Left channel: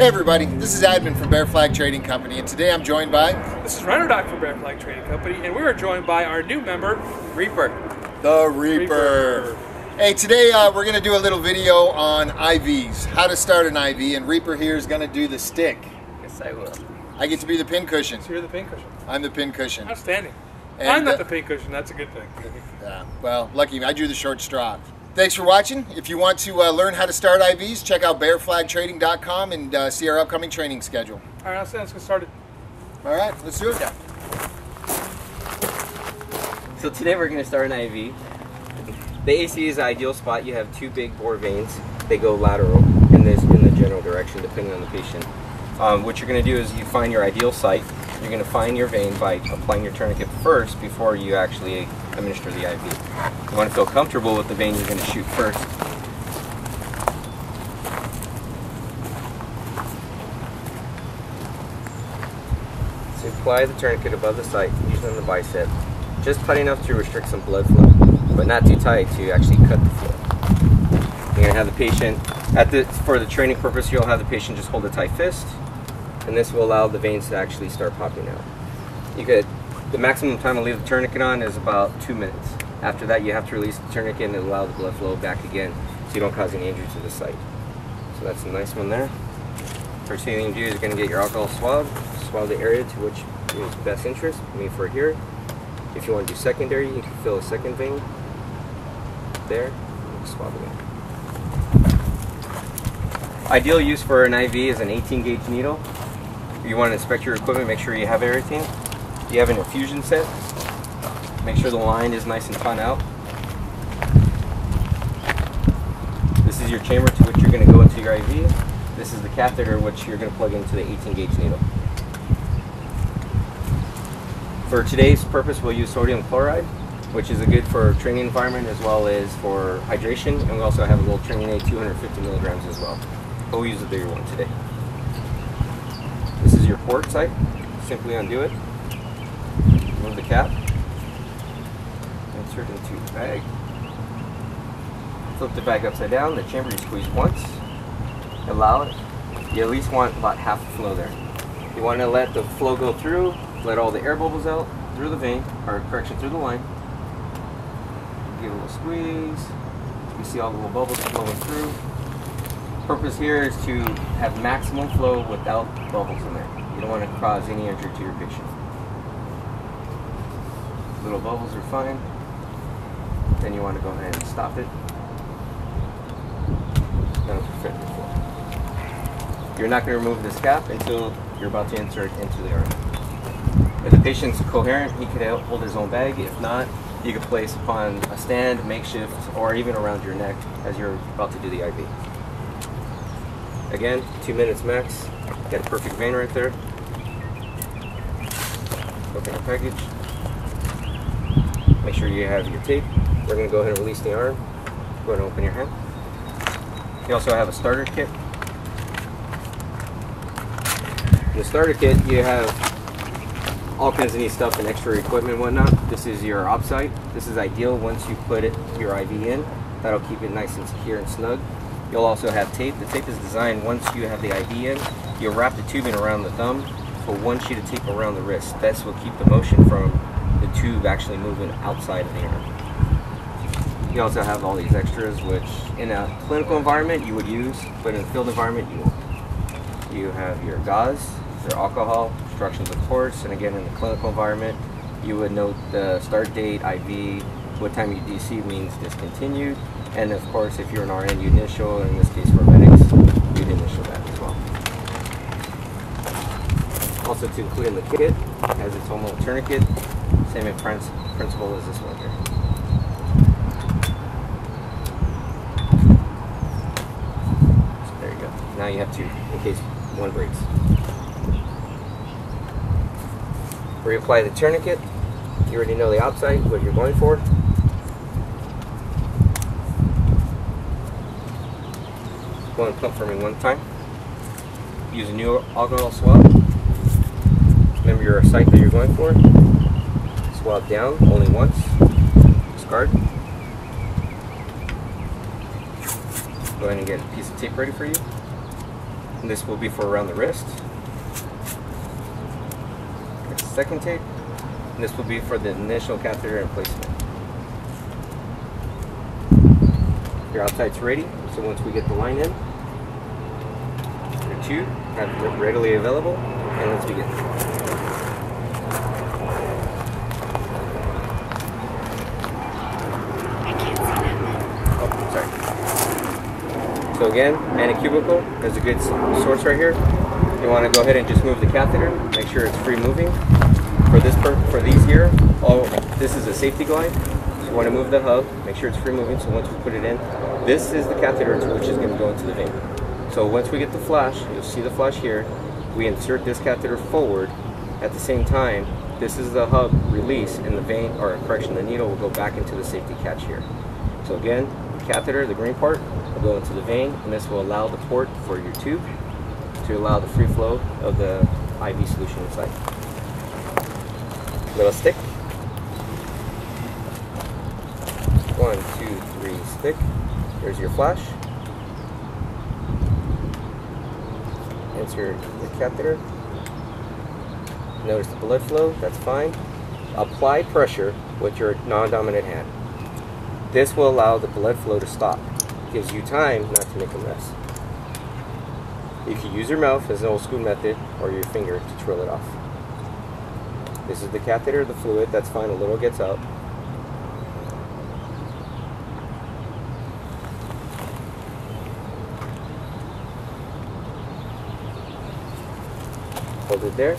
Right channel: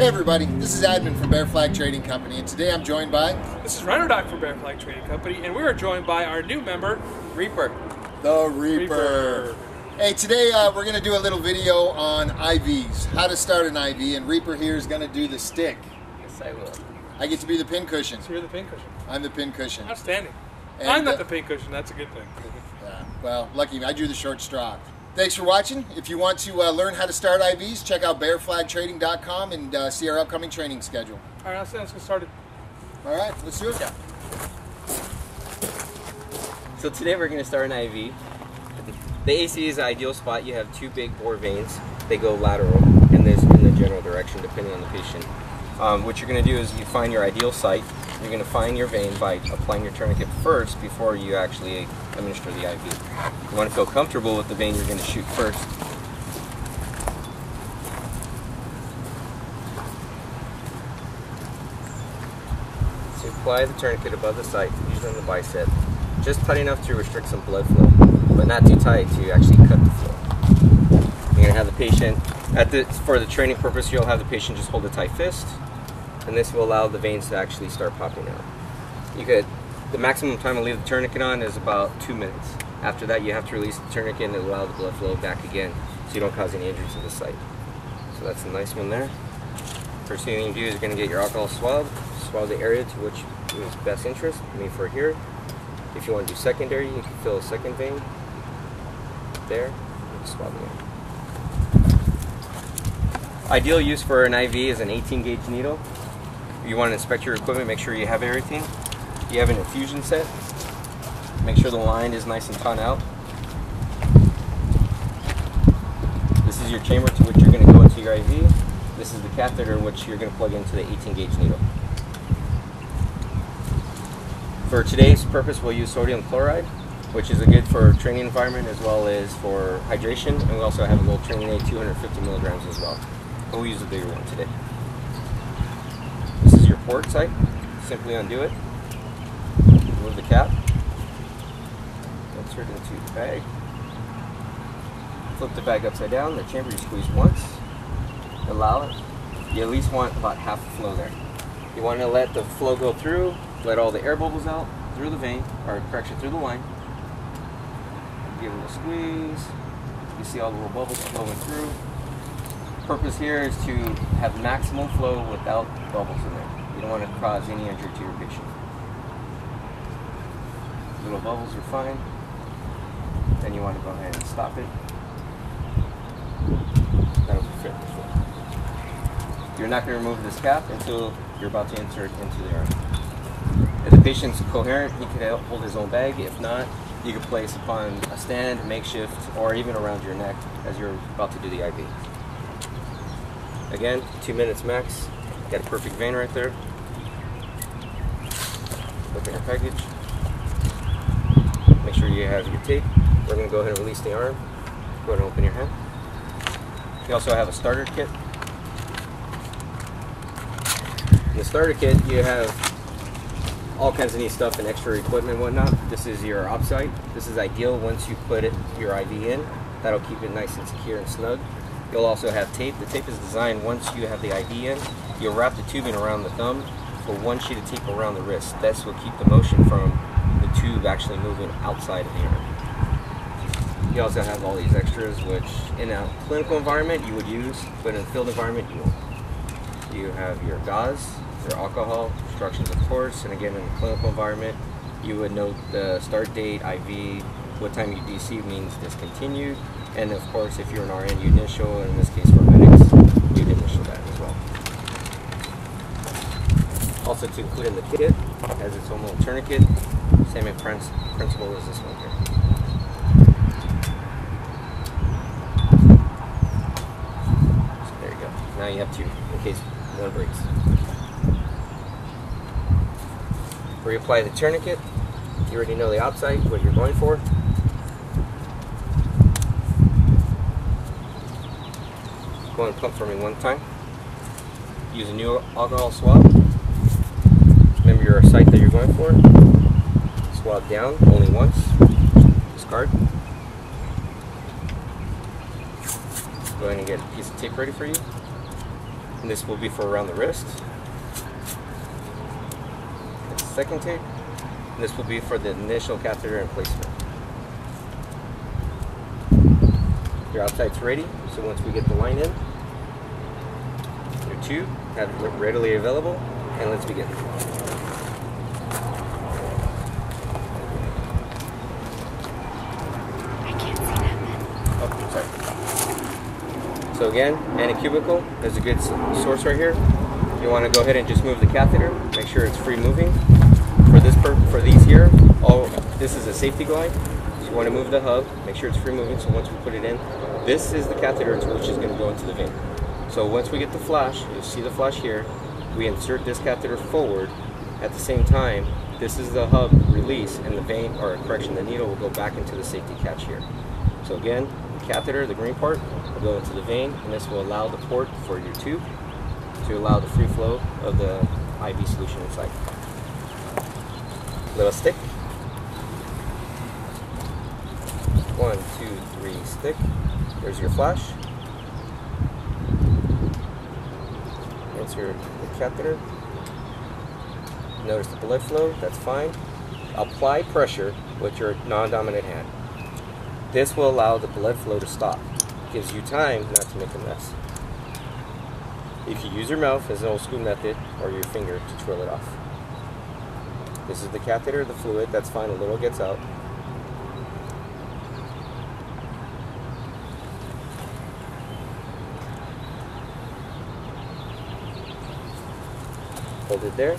Hey everybody, this is Admin from Bear Flag Trading Company, and today I'm joined by... This is Runner Doc from Bear Flag Trading Company, and we are joined by our new member, Repaer. The Repaer. Hey, today we're going to do a little video on IVs, how to start an IV, and Repaer here is going to do the stick. Yes, I will. I get to be the pin cushion. So you're the pin cushion. I'm the pin cushion. Outstanding. And, I'm not the pin cushion, that's a good thing. Yeah, well, lucky me, I drew the short straw. Thanks for watching. If you want to learn how to start IVs, check out bearflagtrading.com and see our upcoming training schedule. All right, let's get started. All right, let's do it. Yeah. So today we're going to start an IV. The AC is the ideal spot. You have two big bore veins. They go lateral in the general direction depending on the patient. What you're going to do is you find your ideal site. You're going to find your vein by applying your tourniquet first before you actually administer the IV. You want to feel comfortable with the vein you're going to shoot first. So apply the tourniquet above the site, usually on the bicep, just tight enough to restrict some blood flow, but not too tight to actually cut the flow. You're going to have the patient, for the training purpose, you'll have the patient just hold a tight fist, and this will allow the veins to actually start popping out. The maximum time to leave the tourniquet on is about 2 minutes. After that, you have to release the tourniquet and allow the blood flow back again, so you don't cause any injury to the site. So that's a nice one there. First thing you do is you're going to get your alcohol swab the area to which is best interest, me for here. If you want to do secondary, you can fill a second vein there, and swab again. Ideal use for an IV is an 18 gauge needle. You want to inspect your equipment, make sure you have everything. You have an infusion set. Make sure the line is nice and taut out. This is your chamber to which you're going to go into your IV. This is the catheter which you're going to plug into the 18 gauge needle. For today's purpose, we'll use sodium chloride, which is a good for training environment as well as for hydration, and we also have a little training aid, 250 milligrams as well. But we'll use the bigger one today. This is your port site. Simply undo it. Remove the cap. Insert into the bag. Flip the bag upside down. The chamber you squeeze once. Allow it. You at least want about half the flow there. You want to let the flow go through. Let all the air bubbles out through the vein, or correction, through the line. Give it a little squeeze. You see all the little bubbles flowing through. Purpose here is to have maximum flow without bubbles in there. You don't want to cause any injury to your patient. Little bubbles are fine. Then you want to go ahead and stop it. That'll prevent the flow. You're not going to remove this cap until you're about to insert into the arm. If the patient's coherent, he could hold his own bag. If not, you could place upon a stand, makeshift, or even around your neck as you're about to do the IV. Again, 2 minutes max. Got a perfect vein right there. Open your package. Make sure you have your tape. We're going to go ahead and release the arm. Go ahead and open your hand. You also have a starter kit. In the starter kit, you have all kinds of neat stuff and extra equipment and whatnot. This is your op site. This is ideal once you put your IV in. That'll keep it nice and secure and snug. You'll also have tape. The tape is designed once you have the IV in. You'll wrap the tubing around the thumb for one sheet of tape around the wrist. This will keep the motion from the tube actually moving outside of the arm. You also have all these extras which in a clinical environment you would use, but in a field environment you won't. You have your gauze, your alcohol, instructions of course, and again in the clinical environment you would note the start date, IV, what time you DC means discontinued, and of course if you're an RN you initial, and in this case for medics, you'd initial that as well. Also to include in the kit, has its own little tourniquet, same in principle as this one here. So there you go. Now you have two, in case one breaks. Reapply the tourniquet. You already know the outside, what you're going for. Go and pump for me one time. Use a new alcohol swab. Remember your site that you're going for. Swab down only once. Discard. Go ahead and get a piece of tape ready for you. and this will be for around the wrist. Get the second tape, and this will be for the initial catheter placement. Your outside's ready, so once we get the line in, your tube have it readily available, and let's begin. Oh, sorry. So again, anacubical is a good source right here. You want to go ahead and just move the catheter, make sure it's free moving. For these here, this is a safety glide. So you want to move the hub, make sure it's free moving. So once we put it in, this is the catheter which is going to go into the vein. So once we get the flash, you'll see the flash here. We insert this catheter forward. At the same time, this is the hub release, and the vein, or correction, the needle will go back into the safety catch here. So again, the catheter, the green part, will go into the vein, and this will allow the port for your tube to allow the free flow of the IV solution inside. Little stick. 1, 2, 3, stick. Here's your flash. Insert the catheter. Notice the blood flow, that's fine. Apply pressure with your non-dominant hand. This will allow the blood flow to stop. Gives you time not to make a mess. You can use your mouth as an old school method, or your finger to twirl it off. This is the catheter, the fluid, that's fine, a little gets out. Hold it there.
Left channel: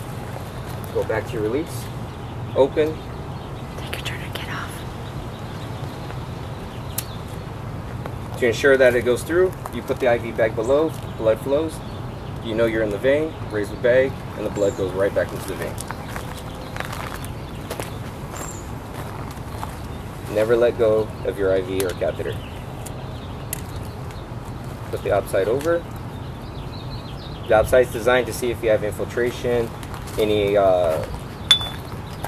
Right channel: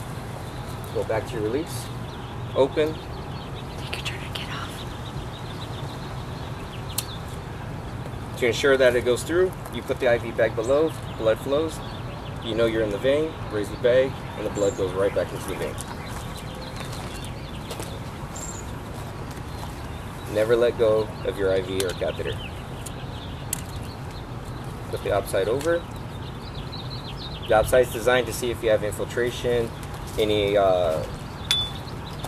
Go back to your release. Open. Take your tourniquet off. To ensure that it goes through, you put the IV bag below, blood flows. You know you're in the vein, raise the bag, and the blood goes right back into the vein. Never let go of your IV or catheter. Put the outside over. The outside is designed to see if you have infiltration, any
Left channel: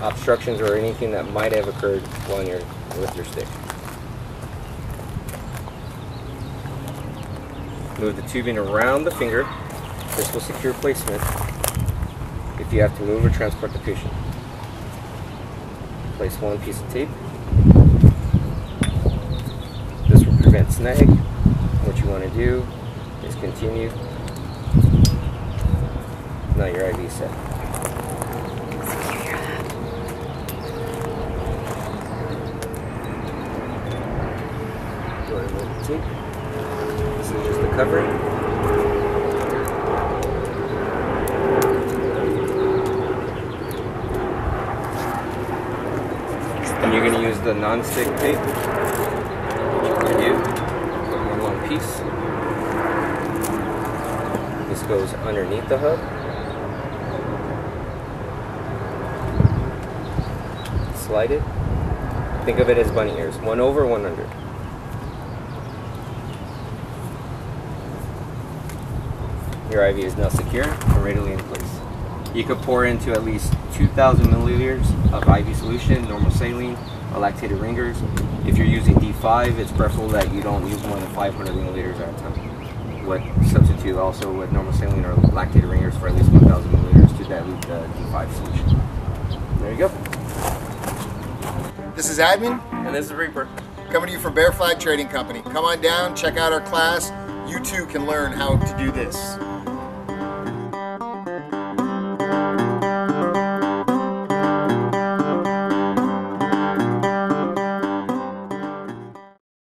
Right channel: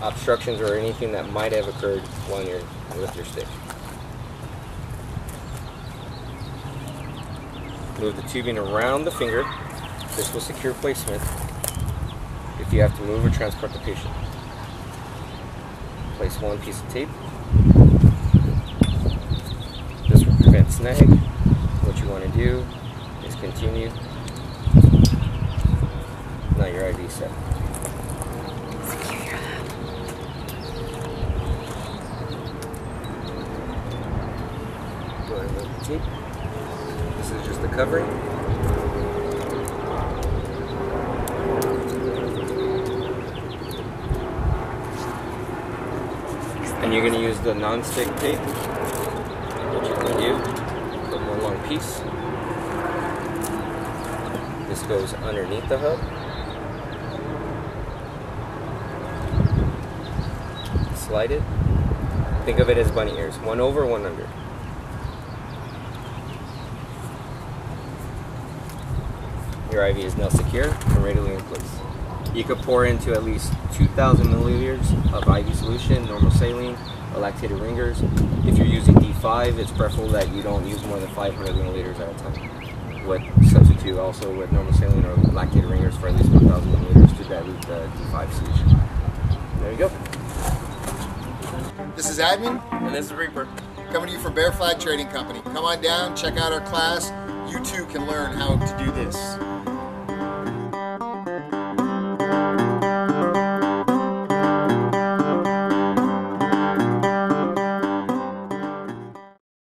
obstructions, or anything that might have occurred while you're with your stick. Move the tubing around the finger. This will secure placement if you have to move or transport the patient. Place one piece of tape. This will prevent snag. What you want to do is continue. Now your IV set. Go ahead and remove the tape. This is just the covering. And you're going to use the non-stick tape. What you're going to do, put one long piece. This goes underneath the hub. Slide it. Think of it as bunny ears. One over, one under. Your IV is now secure and readily in place. You could pour into at least 2,000 milliliters of IV solution, normal saline, or lactated ringers. If you're using D5, it's preferable that you don't use more than 500 milliliters at a time. What substitute also with normal saline or lactated ringers for at least 1,000 milliliters to dilute the D5 solution. There you go. This is Admin, And this is Reaper. coming to you from Bear Flag Trading Company. Come on down, check out our class. You too can learn how to do this.